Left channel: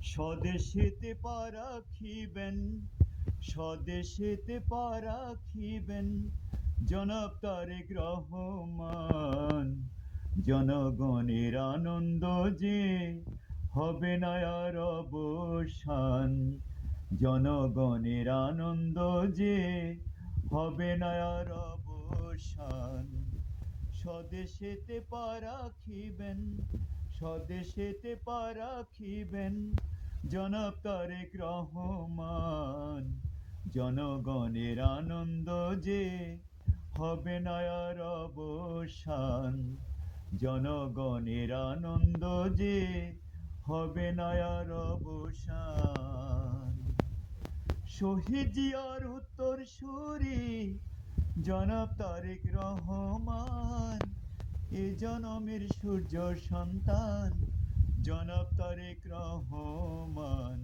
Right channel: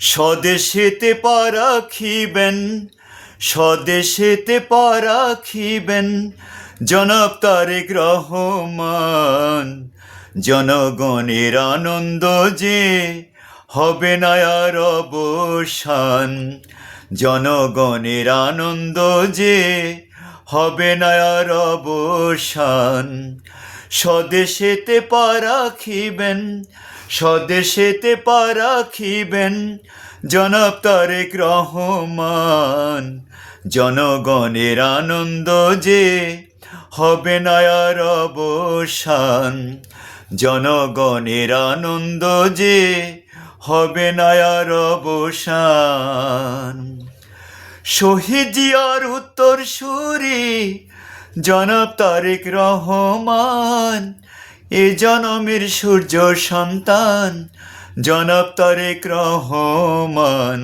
স্বদেশেতে পা রাখিবেন, স্বদেশেতে পা রাখিবেন জনাব তারেক রহমান। জনগণের আনন্দ যে হবে না আর অবসান, জনগণের আনন্দ যে হবে না আর অবসান। স্বদেশেতে পা রাখিবেন, স্বদেশেতে পা রাখিবেন জনাব তারেক রহমান। জনগণের আনন্দ যে হবে না আর অবসান, জনগণের আনন্দ যে হবে না আর অবসান। শহীদ জিয়ার উত্তরসূরি জনাব তারেক রহমান, এ জনমের সূর্য সন্তান জনাব তারেক রহমান।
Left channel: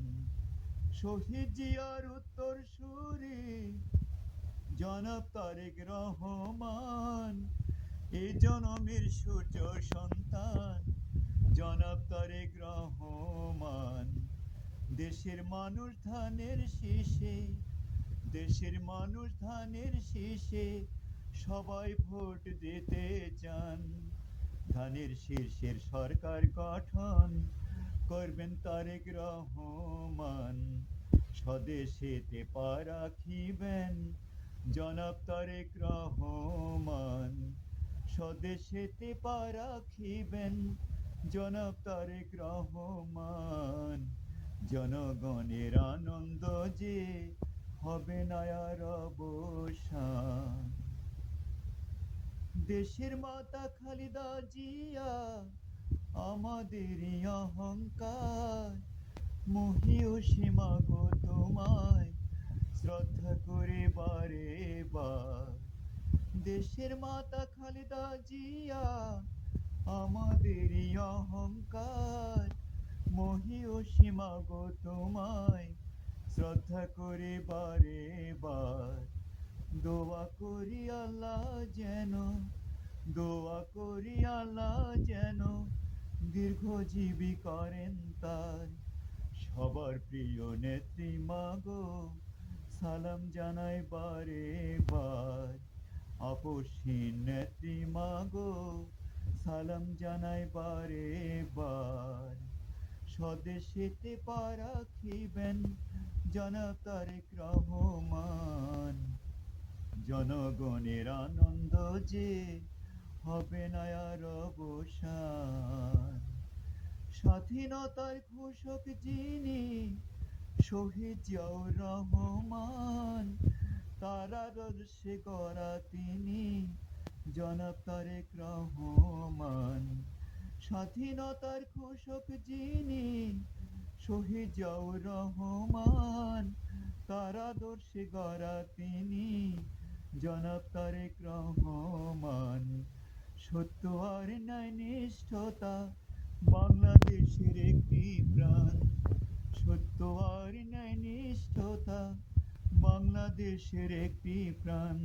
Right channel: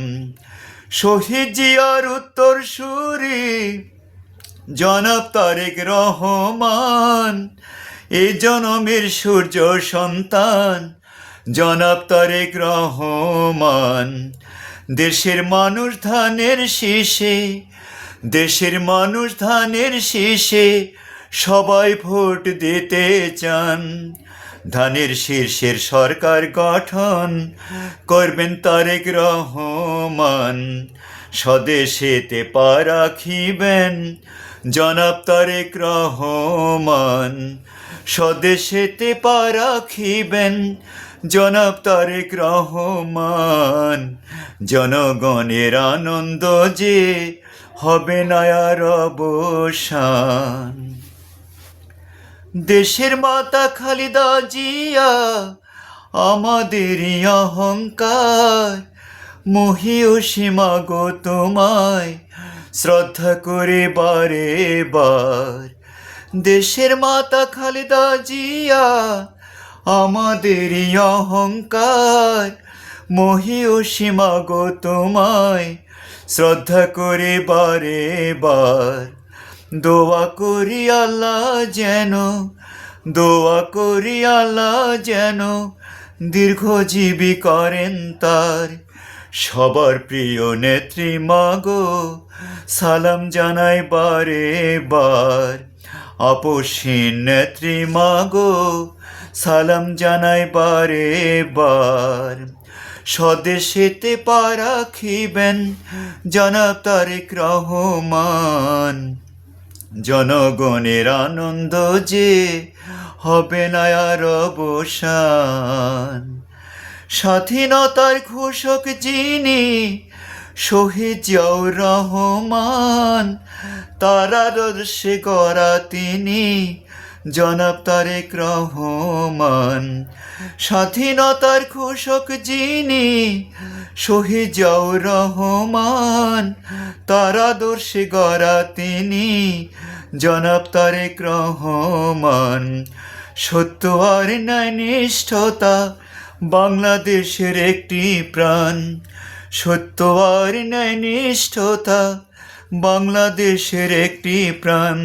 শহীদ জিয়ার উত্তরসূরি জনাব তারেক রহমান, এ জনমের সূর্য সন্তান জনাব তারেক রহমান। দেশের মানুষ ধানের শীষে, দেশের মানুষ ধানের শীষে সবাই ভোট দিতে চান। ধানের শীর্ষের সরকার গঠন করবেন তারেক রহমান। স্বদেশেতে পা রাখিবেন জনাব তারেক রহমান। স্বদেশেতে পা রাখিবেন জনাব তারেক রহমান। জনগণের আনন্দ যে হবে না আর অবসান। দেশের মাতা খালেদা জিয়া আমাদেরই অহংকার, মহিয়সীমা গো তোমায় শ্রদ্ধা করে বারে বার। দেশের মাতা খালেদা জিয়া আমাদেরই অহংকার, মহিয়সীমা গো তোমায় শ্রদ্ধা করে বারে বার। দোয়া করি আল্লাহ যেন, দোয়া করি আল্লাহ যেন দীর্ঘজীবী করেন তার। সবার প্রিয় নেত্রী মাগো সালাম জানাই বারে বার। আপসহীন নেত্রী মাগো সালাম জানাই বারে বার। স্বদেশেতে পা রাখিবেন জনাব তারেক রহমান। জনগণের আনন্দ যে হবে না আর অবসান। স্বাধীনতার ঘোষক যিনি শহীদ জিয়াউর রহমান, তার আদর্শে গড়া তিনি জনাব তারেক রহমান। স্বাধীনতার ঘোষক যিনি শহীদ জিয়াউর রহমান, তার আদর্শে গড়া তিনি জনাব তারেক রহমান। সত্য আর ন্যায় নিষ্ঠতা বাংলাদেশের একটি প্রাণ, সত্য আর ন্যায় নিষ্ঠতা বাংলাদেশের একটি প্রাণ।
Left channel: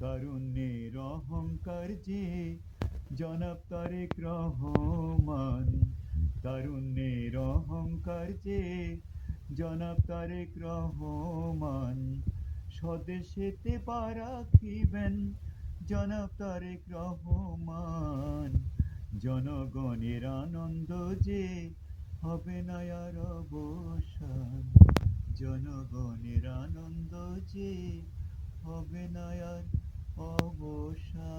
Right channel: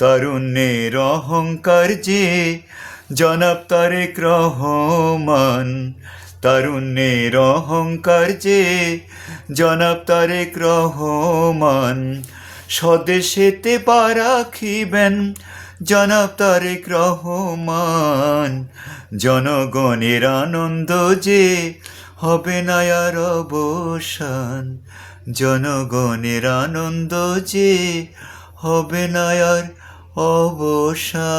তারুণ্যের অহংকার যে জনাব তারেক রহমান। তারুণ্যের অহংকার যে জনাব তারেক রহমান। স্বদেশেতে পা রাখিবেন জনাব তারেক রহমান। জনগণের আনন্দ যে হবে না আর অবসান, জনগণের আনন্দ যে হবে না আর অবসান।